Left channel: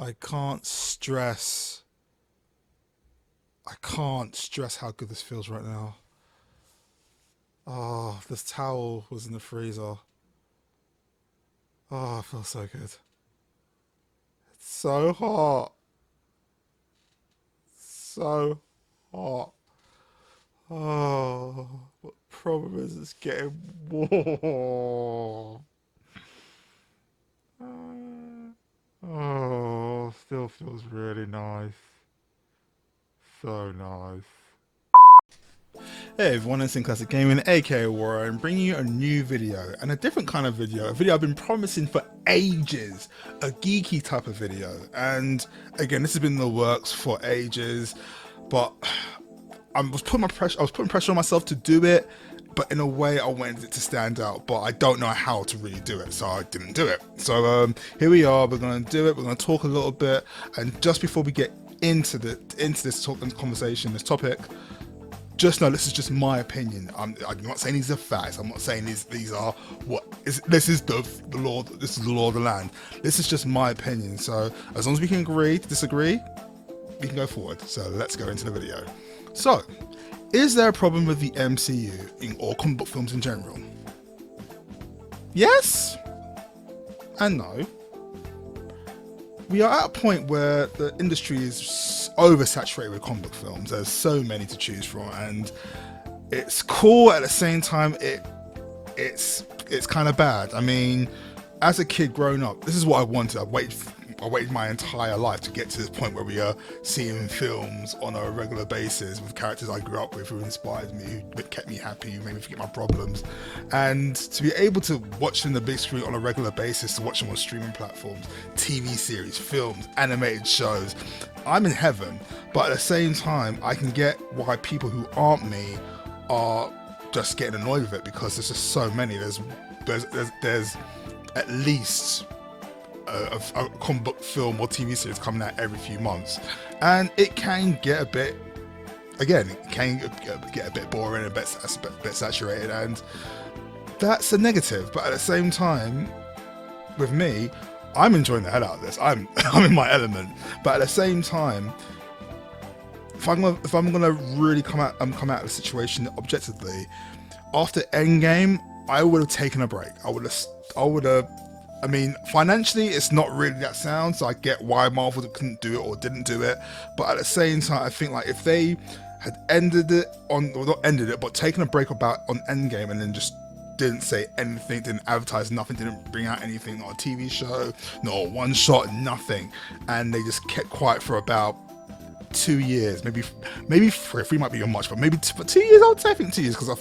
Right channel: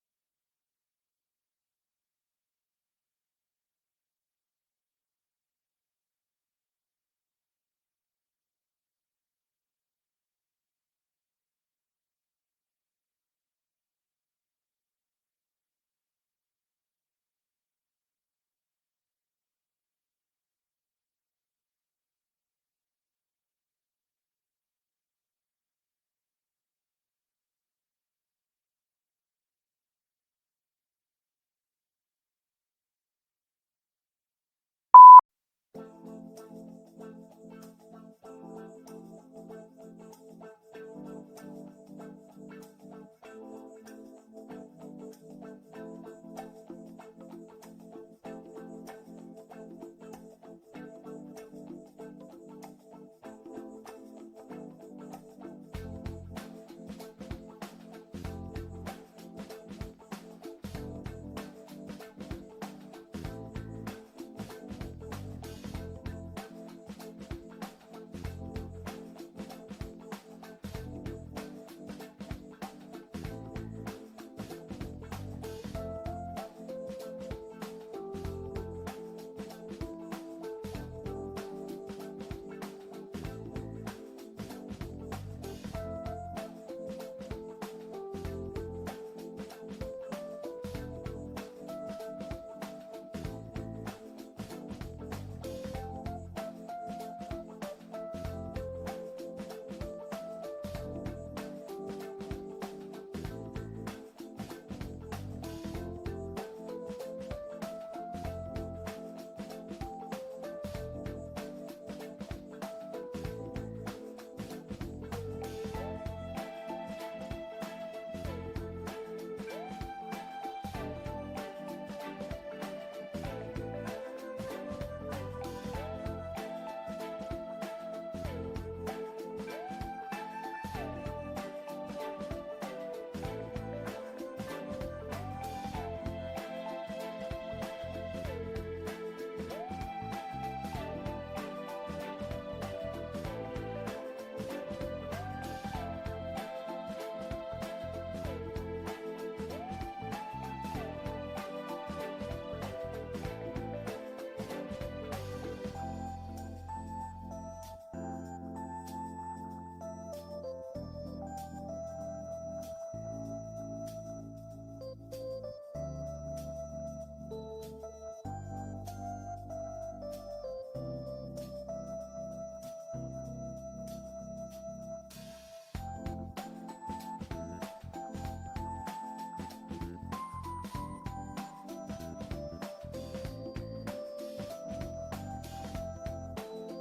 I can't stress. I can't stress how good this feels right now. Oh, this towel was in the freezer. Oh, it feels so good. It's so hot. So hot. Oh, but the problem is it's getting warm. Oh, still feels really nice. So nice. Hey everyone, it's Classic Gaming, aka Warren, bringing you a new video, and a different kind of video, a video I've been promising for ages, a geeky type of video. And again, this has been in the works for ages, but I was putting pressure on myself to do it, but in a way I wanted it to stand out, but I don't know how to really do it, so I didn't do it. So here we are, we're gonna do it, we're gonna talk a little bit, and just before we get into this conversation, this topic, just know this is just my opinion. I'm not saying these are facts. I'm not saying these are this is the law. This is the law of the land. This is just my opinion. So as long as we can agree to disagree, we can go forward. So let's go into the video. So, is there a problem with the MCU or comic book films in general? Yes and no. We are at a point where the industry is oversaturated with comic book films. There's so many to choose from, and it's cool at the same time. It's kind of bad. I mean, as a kid growing up, this is what I wanted. I waited my entire life to get to this point where we are seeing films on a regular basis with characters I grew up with who inspired me, who kept me happy, who made me forget my problems. And to be able to watch them on the big screen on a regular basis, to watch them on streaming platforms, TV series, films, animated shows, I'm in heaven. But at the same time, I can get why people who aren't me are just getting annoyed with it, because there's just so many. There's at least a comic book film or TV series coming out every few months, and it can get a bit, again, it can get a bit boring, a bit saturated, and that's a negative. But at the same time, with me, I'm enjoying the hell out of this. I'm in my element. But at the same time, if I'm gonna really come out of the situation objectively, after Endgame, I would have taken a break. I mean, financially, it's not really that sound, so I get why Marvel couldn't do it or didn't do it. But at the same time, I think like if they had ended it or not ended it, but taken a break on Endgame and then just didn't say anything, didn't advertise nothing, didn't bring out anything on a TV show, not a one shot, nothing, and they just kept quiet for about 2 years, maybe three might be much, but maybe for 2 years, I would say. I think 2 years, because I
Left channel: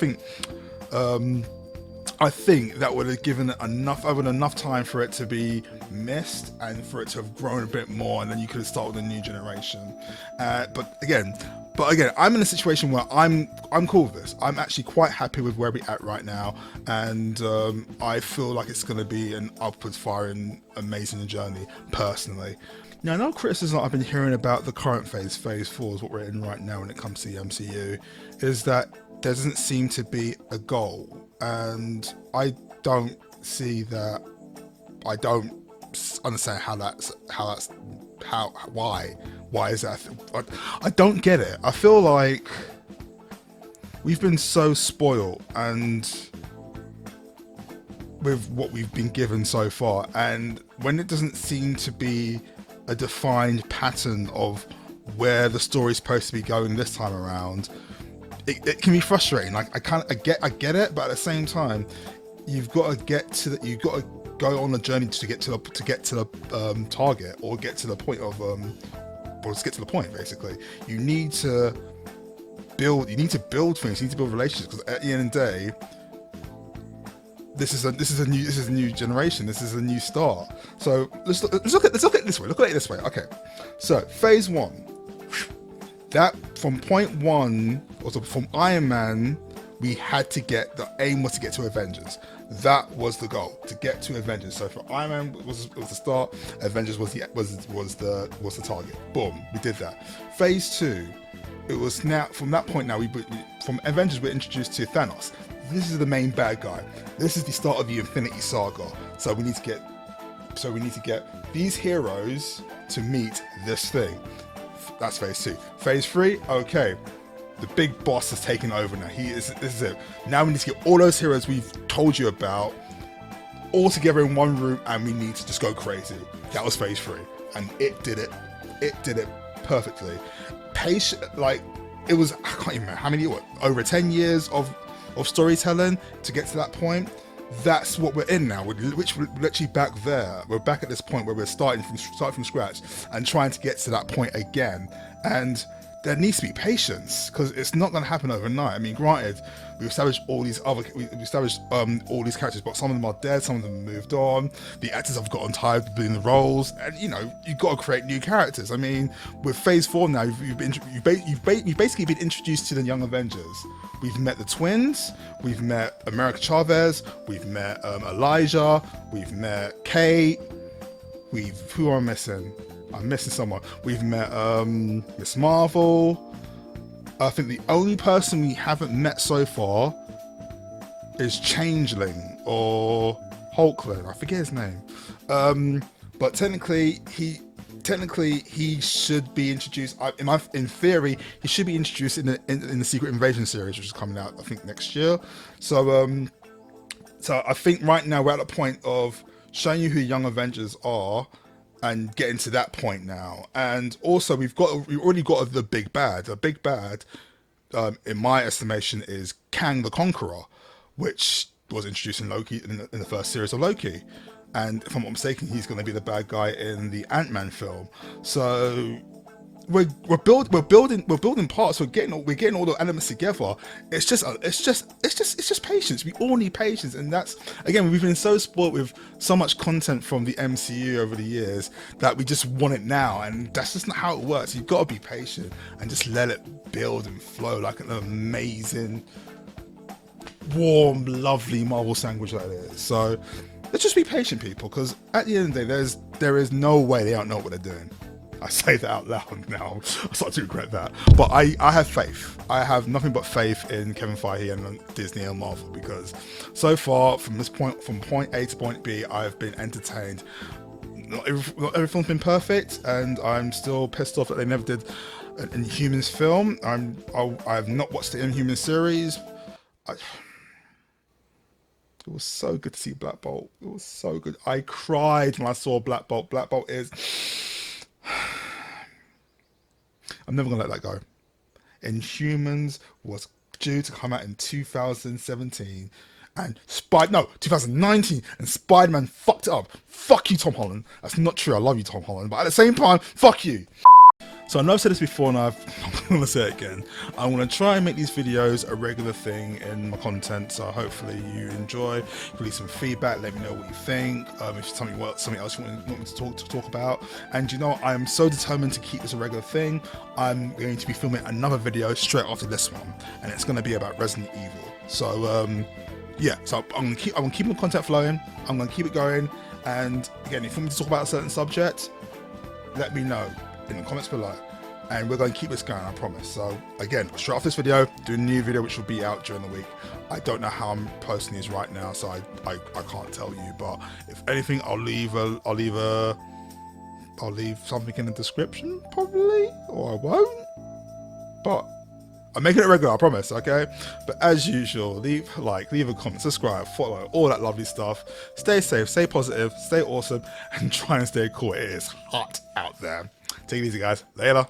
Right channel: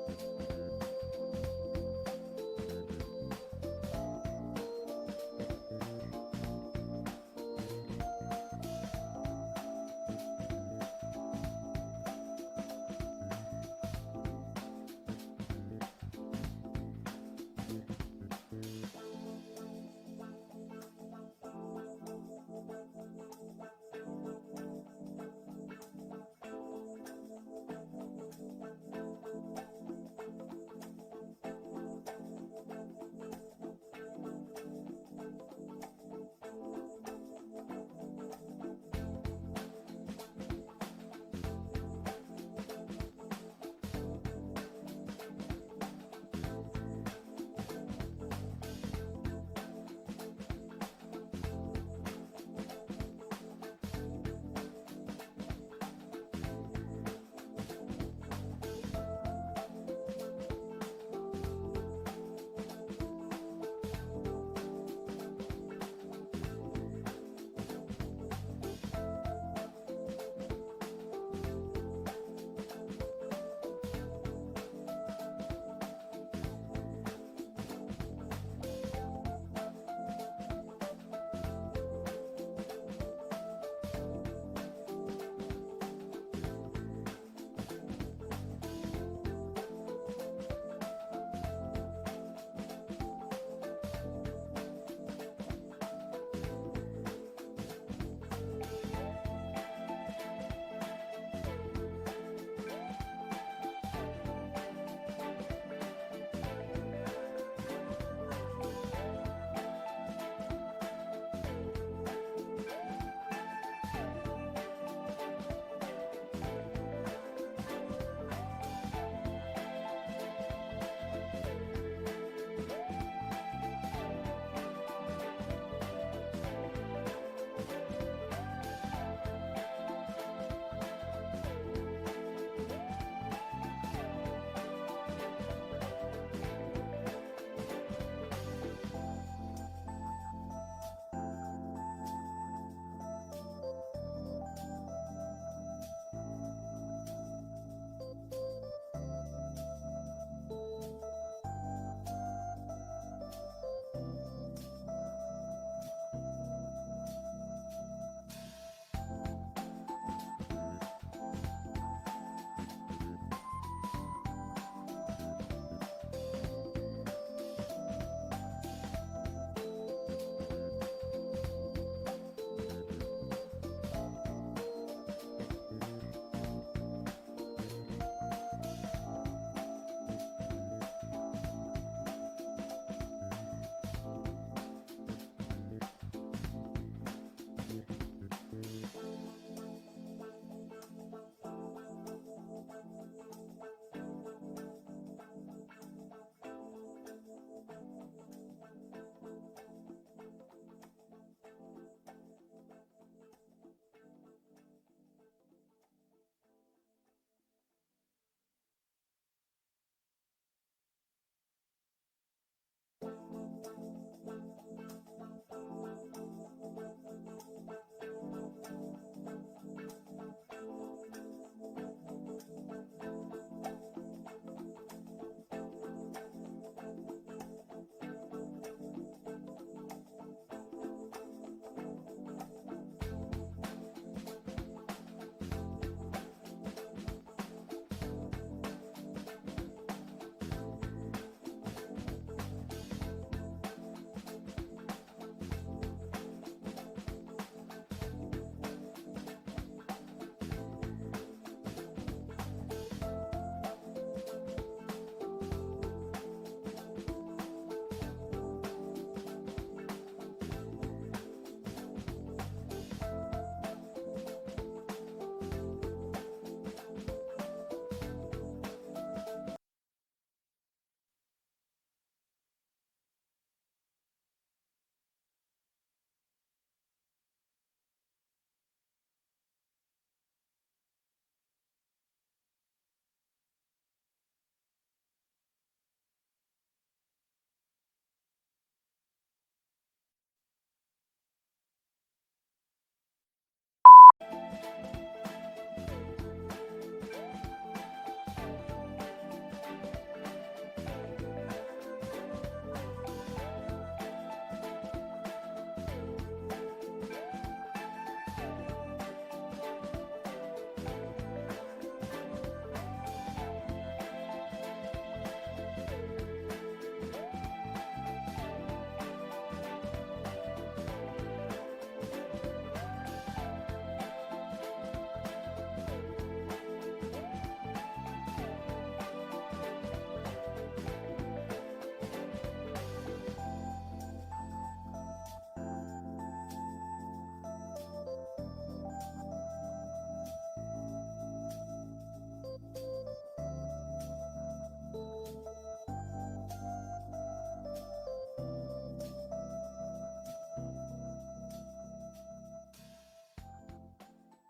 think that would have given it enough time for it to be missed and for it to have grown a bit more, and then you could have started a new generation. But again, I'm in a situation where I'm cool with this. I'm actually quite happy with where we're at right now, and I feel like it's going to be an upwards firing, amazing journey, personally. Now, another criticism I've been hearing about the current phase 4 is what we're in right now when it comes to the MCU, is that there doesn't seem to be a goal. And I don't see that. I don't understand why is that? I don't get it. I feel like we've been so spoiled and with what we've been given so far, and when it doesn't seem to be a defined pattern of where the story's supposed to be going this time around, it can be frustrating. Like I get it, but at the same time, you've got to go on a journey to get to the target, or get to the point of basically. You need to build things. You need to build relationships, because at the end of the day, this is a new generation. This is a new start. So let's look at it this way. Look at it this way. Okay, so phase 1. That from point 1, also from Iron Man, we had to the aim was to get to Avengers. That was the goal, to get to Avengers. So for Iron Man was the start, Avengers was the target. Boom, we did that. Phase 2, it was now from that point. Now from Avengers we're introduced to Thanos. This is the main bad guy. This is the start of the Infinity Saga. So we need to get So we need to get these heroes to meet this thing. That's phase 2. Phase 3, okay. The big boss is taking over now. This is it. Now we need to get all those heroes we've told you about all together in one room, and we need to just go crazy. That was phase 3, and it did it. It did it perfectly. Patient, like it was. I can't even remember how many. Over 10 years of storytelling to get to that point. That's what we're in now. We're literally back there. We're back at this point where we're starting from scratch and trying to get to that point again. And there needs to be patience because it's not going to happen overnight. I mean, granted, we've established all these all these characters, but some of them are dead, some of them have moved on. The actors have gotten tired of doing the roles, and you've got to create new characters. I mean, with Phase 4 now, you've basically been introduced to the Young Avengers. We've met the twins, we've met America Chavez, we've met Elijah, we've met Kate. Who am I missing? I'm missing someone. We've met Miss Marvel. I think the only person we haven't met so far is Changeling or Hulkling. I forget his name. But technically he should be introduced. In theory, he should be introduced in the Secret Invasion series, which is coming out I think next year. So I think right now we're at the point of showing you who Young Avengers are and getting to that point now. And also we've already got the big bad. The big bad, in my estimation, is Kang the Conqueror, which was introduced in Loki in the first series of Loki. And if I'm not mistaken, he's going to be the bad guy in the Ant-Man film. So we're building parts. We're getting all the elements together. It's just patience. We all need patience, and that's, again, we've been so spoiled with so much content from the MCU over the years that we just want it now, and that's just not how it works. You've got to be patient and just let it build and flow like an amazing, warm, lovely Marvel sandwich like this. So let's just be patient, people, because at the end of the day, there is no way they don't know what they're doing. I say that out loud now. I start to regret that. But I have faith. I have nothing but faith in Kevin Feige and Disney and Marvel, because so far from point A to point B, I've been entertained. Not everything's been perfect, and I'm still pissed off that they never did an Inhumans film. I have not watched the Inhumans series. It was so good to see Black Bolt. It was so good. I cried when I saw Black Bolt. Black Bolt is... I'm never gonna let that go. Inhumans was due to come out in 2017, and 2019, and Spider-Man fucked it up. Fuck you, Tom Holland. That's not true. I love you, Tom Holland, but at the same time, fuck you. So I know I've said this before, and I'm going to say it again. I'm going to try and make these videos a regular thing in my content, so hopefully you enjoy. Leave some feedback, let me know what you think. If it's something else you want me to talk about. And I am so determined to keep this a regular thing. I'm going to be filming another video straight after this one, and it's going to be about Resident Evil. So yeah, so I'm going to keep my content flowing. I'm going to keep it going. And again, if you want me to talk about a certain subject, let me know in the comments below, and we're going to keep this going, I promise. So again, straight off this video, do a new video which will be out during the week. I don't know how I'm posting these right now, so I can't tell you, but if anything, I'll leave something in the description probably, or I won't, but I'm making it regular, I promise, okay? But as usual, leave a like, leave a comment, subscribe, follow, all that lovely stuff. Stay safe, stay positive, stay awesome, and try and stay cool. It is hot out there. Take it easy, guys. Later.